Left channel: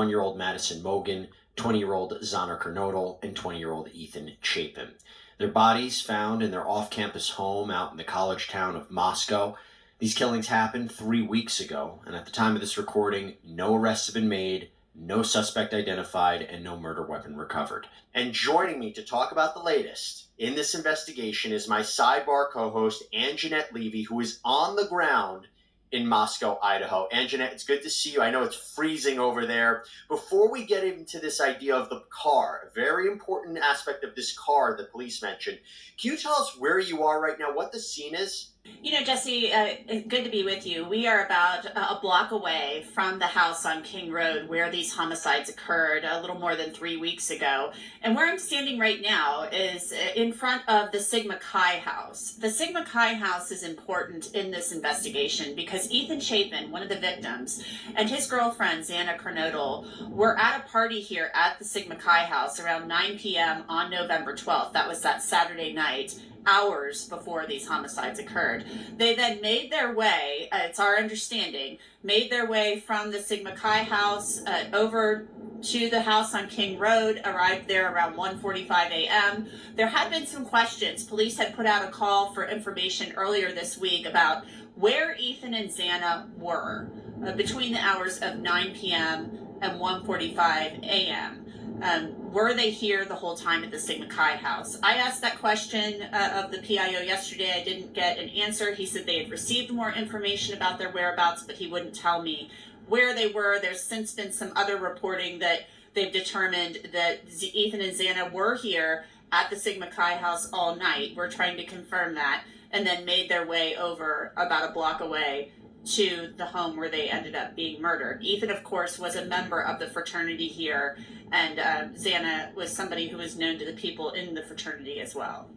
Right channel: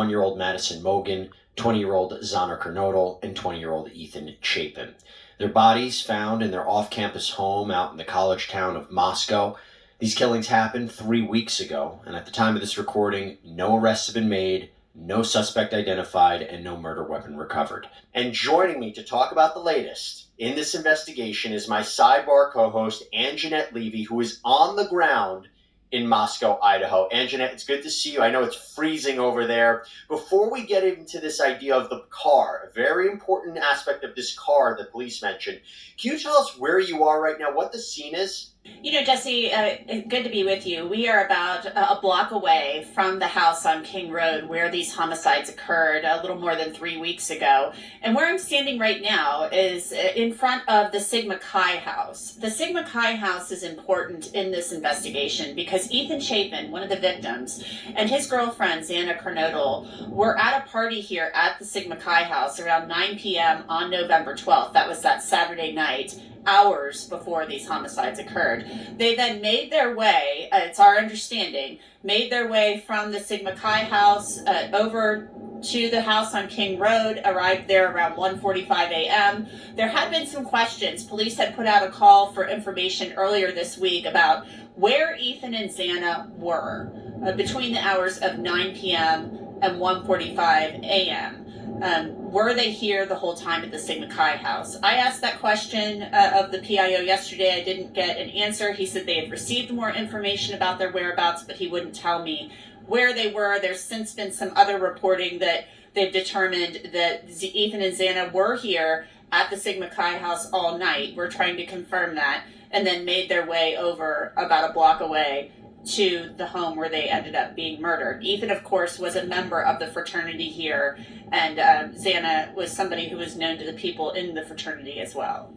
1-year-old Madison Mogan, 20-year-old Xana Konoddle, and 20-year-old Etan Chipin. Their bodies found in their off-campus home out in the college town of Moscow. These killings happened 3 weeks ago, and at the time of this recording, no arrests have been made, no suspect identified, and no murder weapon recovered. And joining me to talk about the latest in this investigation is my sidebar co-host, Anjanette Levy, who is on the ground in Moscow, Idaho. Anjanette, it's good to see you. I know it's freezing over there. Before we get into this idea of the car, a very important aspect of this car that police mentioned, can you tell us where you are right now, what the scene is? You know, Jesse, good to be with you. We are about a block away from the house on King Road where these homicides occurred a little more than 3 weeks ago. And where I'm standing right now is in front of the Sigma Chi house. The Sigma Chi house is important in this investigation because Etan Chapin, one of the victims, and his girlfriend, Xana Konoddle, were at a party here at the Sigma Chi house around 9 p.m. on November 12th. That was that Saturday night, hours before these homicides occurred. They then made their way, it's our understanding, made their way from the Sigma Chi house over to the house on King Road, arrived there around 1:45 a.m. There had been some questions. Police had put out a call for information earlier this week about where Etan and Xana were between the hours of 9 p.m. and 1:45 a.m. Were they here the whole time at the Sigma Chi house? I asked that question of the PIO yesterday. I didn't get an answer. He said they had received more information about their whereabouts, but he wouldn't tell me where they were. There's since been some other reporting that they've determined that Etan and Xana were here at the Sigma Chi house all night. We're trying to confirm that, and then made their way over about a block away to the home where they ended up being murdered. Etan, of course, was a member of the fraternity here, and Xana was somebody who was known to the people in the fraternity as well.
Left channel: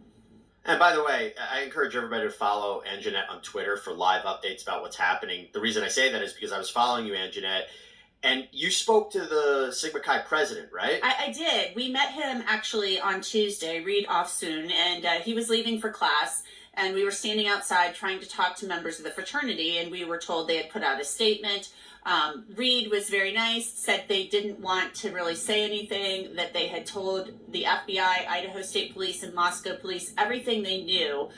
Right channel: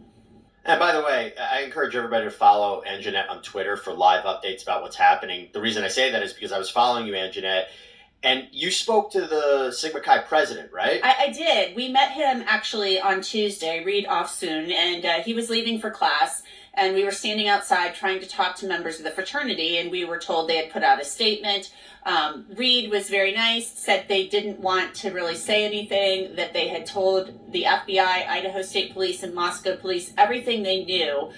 And by the way, I encourage everybody to follow Anjanette on Twitter for live updates about what's happening. The reason I say that is because I was following you, Anjanette, and you spoke to the Sigma Chi president, right? I did. We met him actually on Tuesday, Reed Offsoon, and he was leaving for class. And we were standing outside trying to talk to members of the fraternity, and we were told they had put out a statement. Reed was very nice, said they didn't want to really say anything, that they had told the FBI, Idaho State Police, and Moscow Police everything they knew.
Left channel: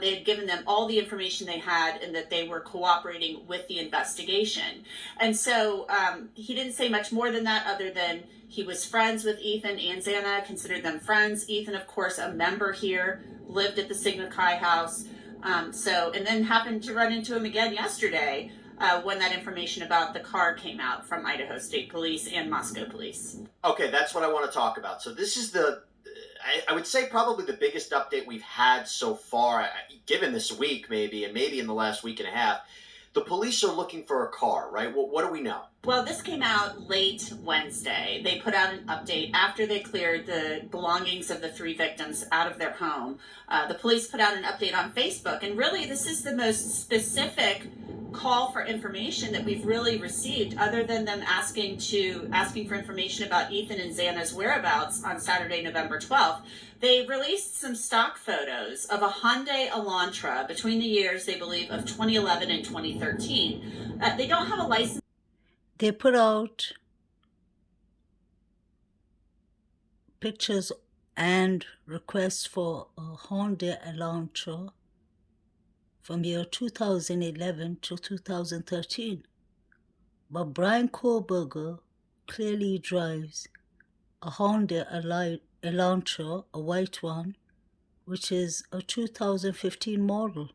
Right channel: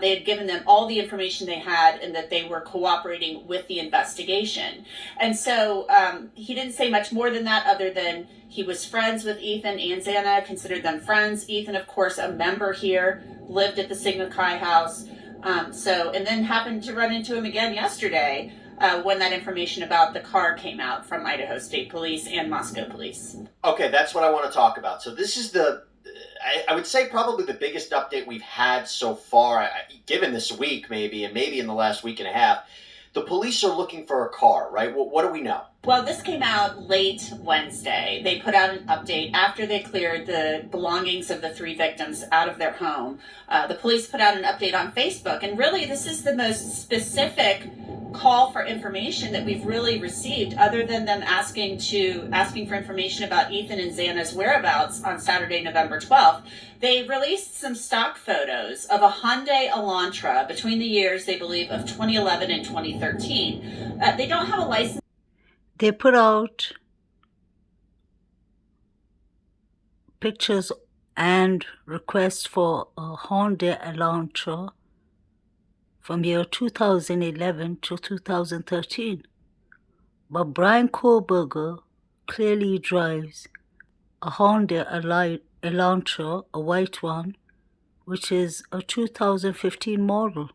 They had given them all the information they had, and that they were cooperating with the investigation. And so he didn't say much more than that, other than he was friends with Etan and Xana, considered them friends. Etan, of course, a member here, lived at the Sigma Chi house. And then happened to run into him again yesterday when that information about the car came out from Idaho State Police and Moscow Police. Okay, that's what I want to talk about. So this is I would say probably the biggest update we've had so far, given this week maybe, and maybe in the last week and a half. The police are looking for a car, right? What do we know? Well, this came out late Wednesday. They put out an update after they cleared the belongings of the 3 victims out of their home. The police put out an update on Facebook, and really this is the most specific call for information that we've really received, other than them asking for information about Etan and Xana's whereabouts on Saturday, November 12th. They released some stock photos of a Hyundai Elantra between the years, they believe, of 2011 and 2013. They don't have a license. They put out pictures and requests for a Hyundai Elantra from year 2011 to 2013. But Brian Kohlberger clearly drives a Hyundai Elantra, a white one, which is a 2015 model.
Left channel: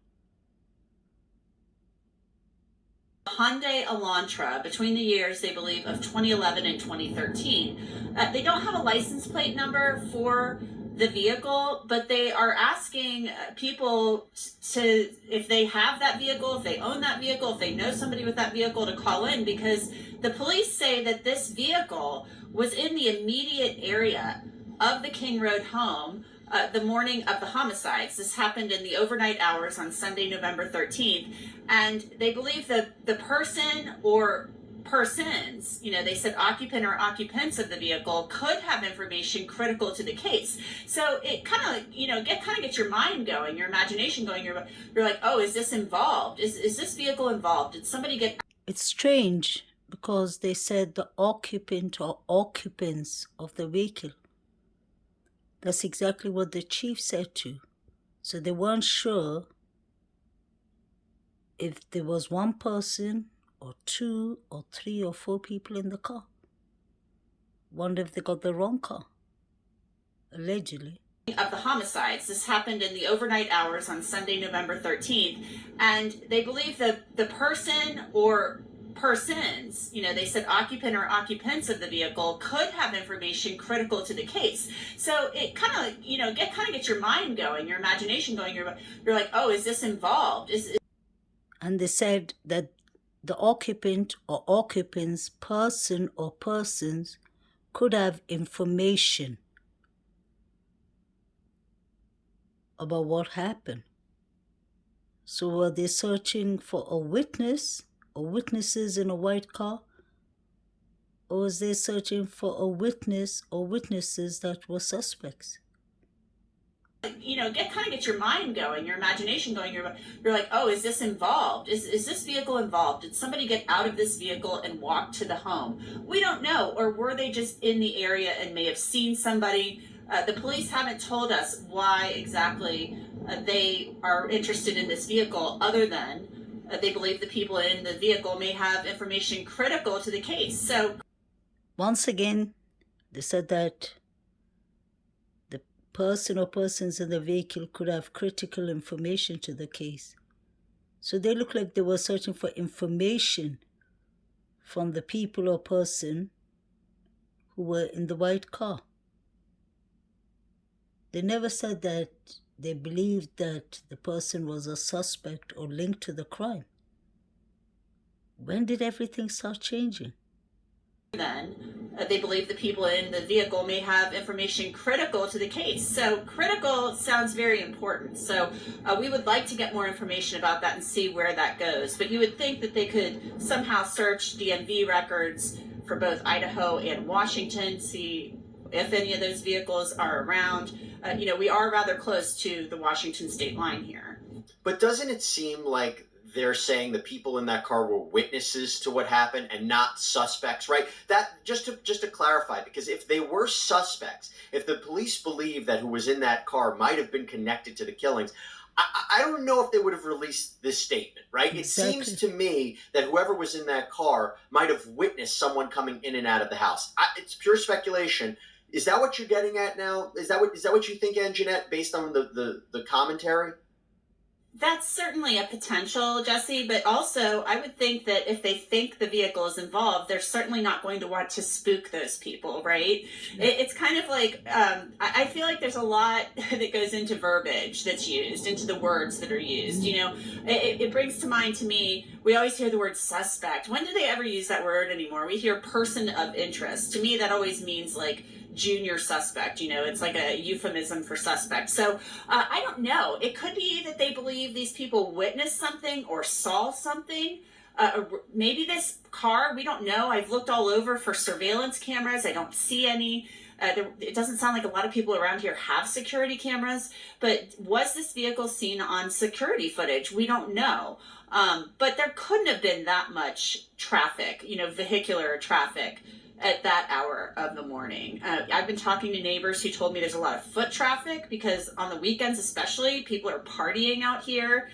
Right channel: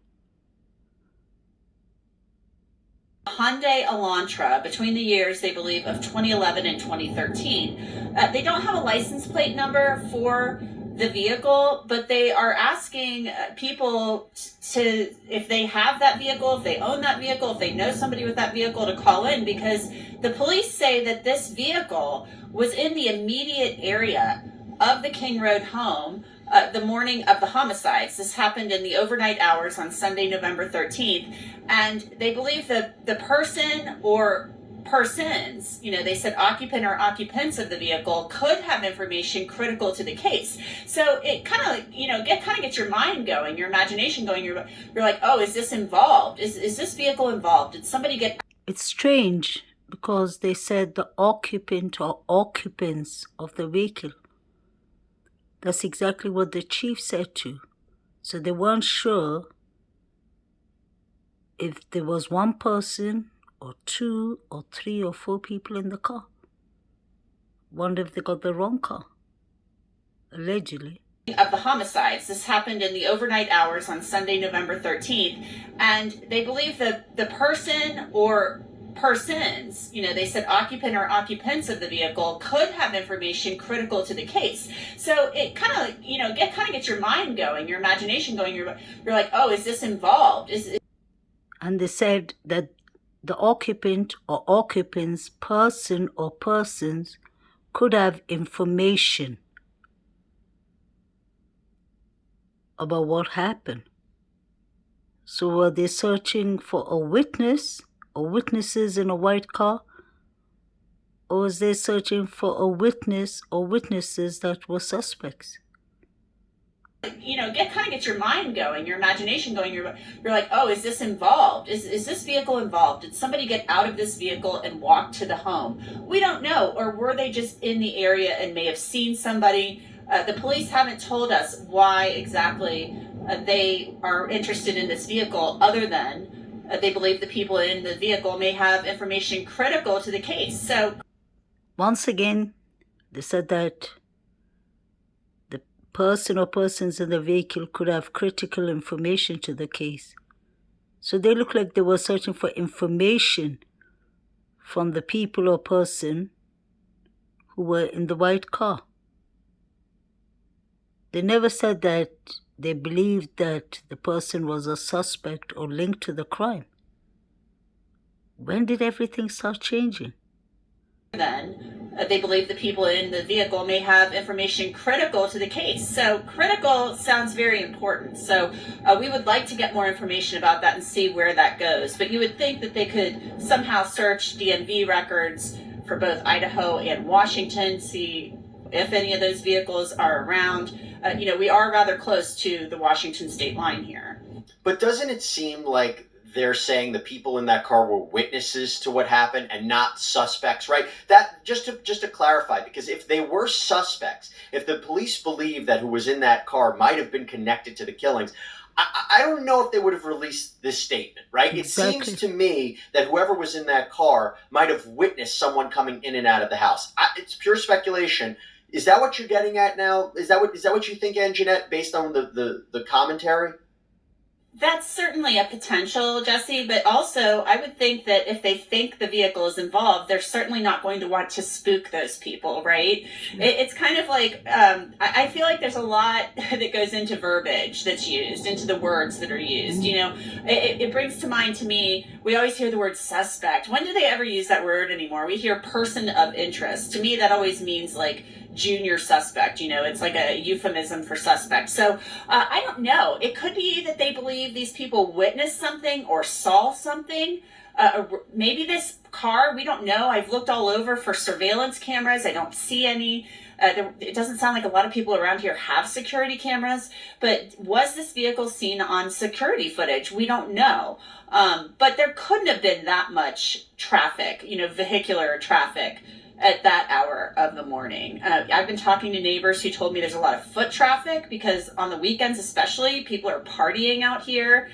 Hyundai Elantra between the years, they believe, of 2011 and 2013. They don't have a license plate number for the vehicle, but they are asking people to, if they have that vehicle, if they own that vehicle, if they know somebody with that vehicle, to call in, because the police say that this vehicle was in the immediate area of the King Road home the morning of the homicides. This happened in the overnight hours on Sunday, November 13th, and they believe that the person or persons, they said occupant or occupants of the vehicle, could have information critical to the case. So it kind of gets your mind going, your imagination going. You're like, oh, is this involved? Is this vehicle involved? Did somebody get... It's strange because they said the occupant or occupants of the vehicle. That's exactly what the chief said too. So they weren't sure if there was one person or two or three or four people in the car. Wonder if they got the wrong car. Allegedly. Of the homicides. This happened in the overnight hours on Sunday, November 13th, and they believe that the person or persons, they said occupant or occupants of the vehicle could have information critical to the case. So it kind of, gets your mind going, your imagination going. You're like, oh, is this involved? And they said that the occupant or occupants, person or persons, could have information about what happened. So were they searching for a witness or witnesses in a white car? Or was they searching for a witness or witnesses that were suspects? Gets your mind going, your imagination going. You're like, oh, is this involved? Is this vehicle involved? Did somebody get out of this vehicle and walk to the home? We don't know. Or were they just in the area and may have seen somebody? The police haven't told us why exactly they are interested in this vehicle, other than they believe the people in the vehicle may have information critical to the case. So once again, they said that the person or persons in the vehicle could have critical information to the case. So they look like they were searching for information from the people or person who were in the white car. They never said that they believed that the person was a suspect or linked to the crime. When did everything start changing? Then they believe the people in the vehicle may have information critical to the case. So critical sounds very important. So we would like to get more information about that and see where that goes. But you would think that they could somehow search DMV records for both Idaho and Washington, see if any of those vehicles are around. We are rather close to the Washington state line here. But doesn't it seem like they're saying the people in that car were witnesses to what happened and not suspects, right? That just to clarify, because if they were suspects, if the police believe that who was in that car might have been connected to the killings, I don't know if they would have released this statement, right? Exactly. It seems to me that whoever was in that car might have witnessed someone coming in and out of the house. It's pure speculation. Is that what you're getting at now? Is that what you think, Anjanette, based on the commentary? That's certainly a potential, Jesse, but also I would think that if they think the vehicle is involved, they're certainly not going to want to spook those people, right? It's kind of like, I feel like there's a lot that goes into verbiage that's used, into the words that are used. It brings to mind to me, we always hear the word suspect. When do they ever use that word anymore? We hear person of interest. To me, that always means like junior suspect. It's like a euphemism for suspect. So I don't know. It could be that they believe these people witnessed something or saw something. Maybe this car, we don't know. I've looked all over for surveillance cameras. I don't see any. It doesn't sound like a lot of people around here have security cameras, but was this vehicle seen on security footage? We don't know. But there couldn't have been that much traffic, vehicular traffic at that hour of the morning. I've been talking to neighbors who told me there's a lot of foot traffic because on the weekends especially, people are partying out here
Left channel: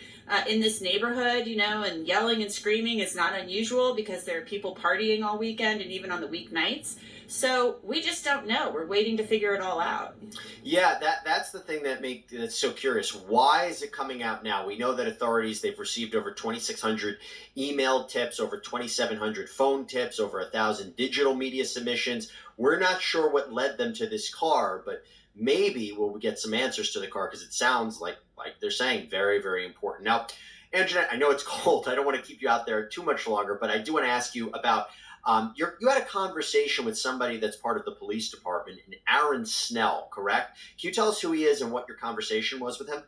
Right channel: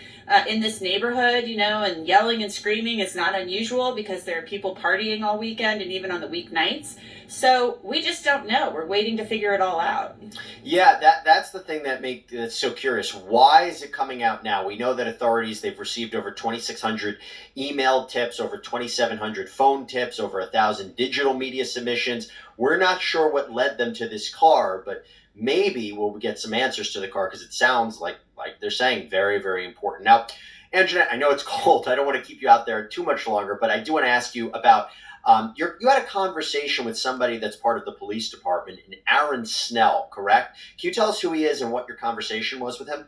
in this neighborhood, and yelling and screaming is not unusual because there are people partying all weekend and even on the weeknights. So we just don't know. We're waiting to figure it all out. Yeah, that's the thing that's so curious. Why is it coming out now? We know that authorities, they've received over 2,600 email tips, over 2,700 phone tips, over 1,000 digital media submissions. We're not sure what led them to this car, but maybe we'll get some answers to the car because it sounds like they're saying very, very important. Now, Anjanette, I know it's cold. I don't want to keep you out there too much longer, but I do want to ask you about you had a conversation with somebody that's part of the police department, Aaron Snell, correct? Can you tell us who he is and what your conversation was with him?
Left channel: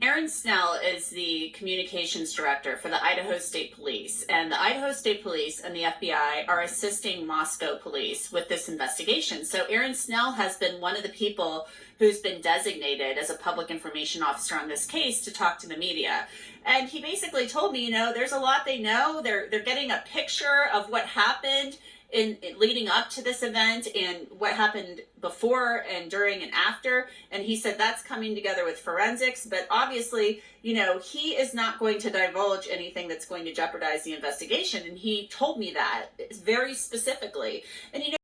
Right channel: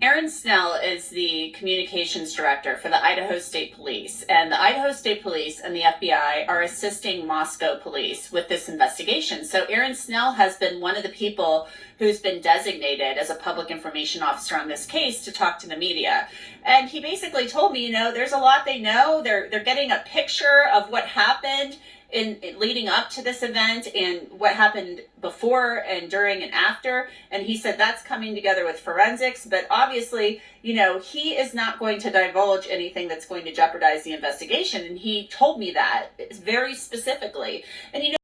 Aaron Snell is the communications director for the Idaho State Police, and the Idaho State Police and the FBI are assisting Moscow police with this investigation. So Aaron Snell has been one of the people who's been designated as a public information officer on this case to talk to the media. And he basically told me, there's a lot they know. They're getting a picture of what happened in leading up to this event and what happened before and during and after. And he said that's coming together with forensics, but obviously, he is not going to divulge anything that's going to jeopardize the investigation. And he told me that very specifically. And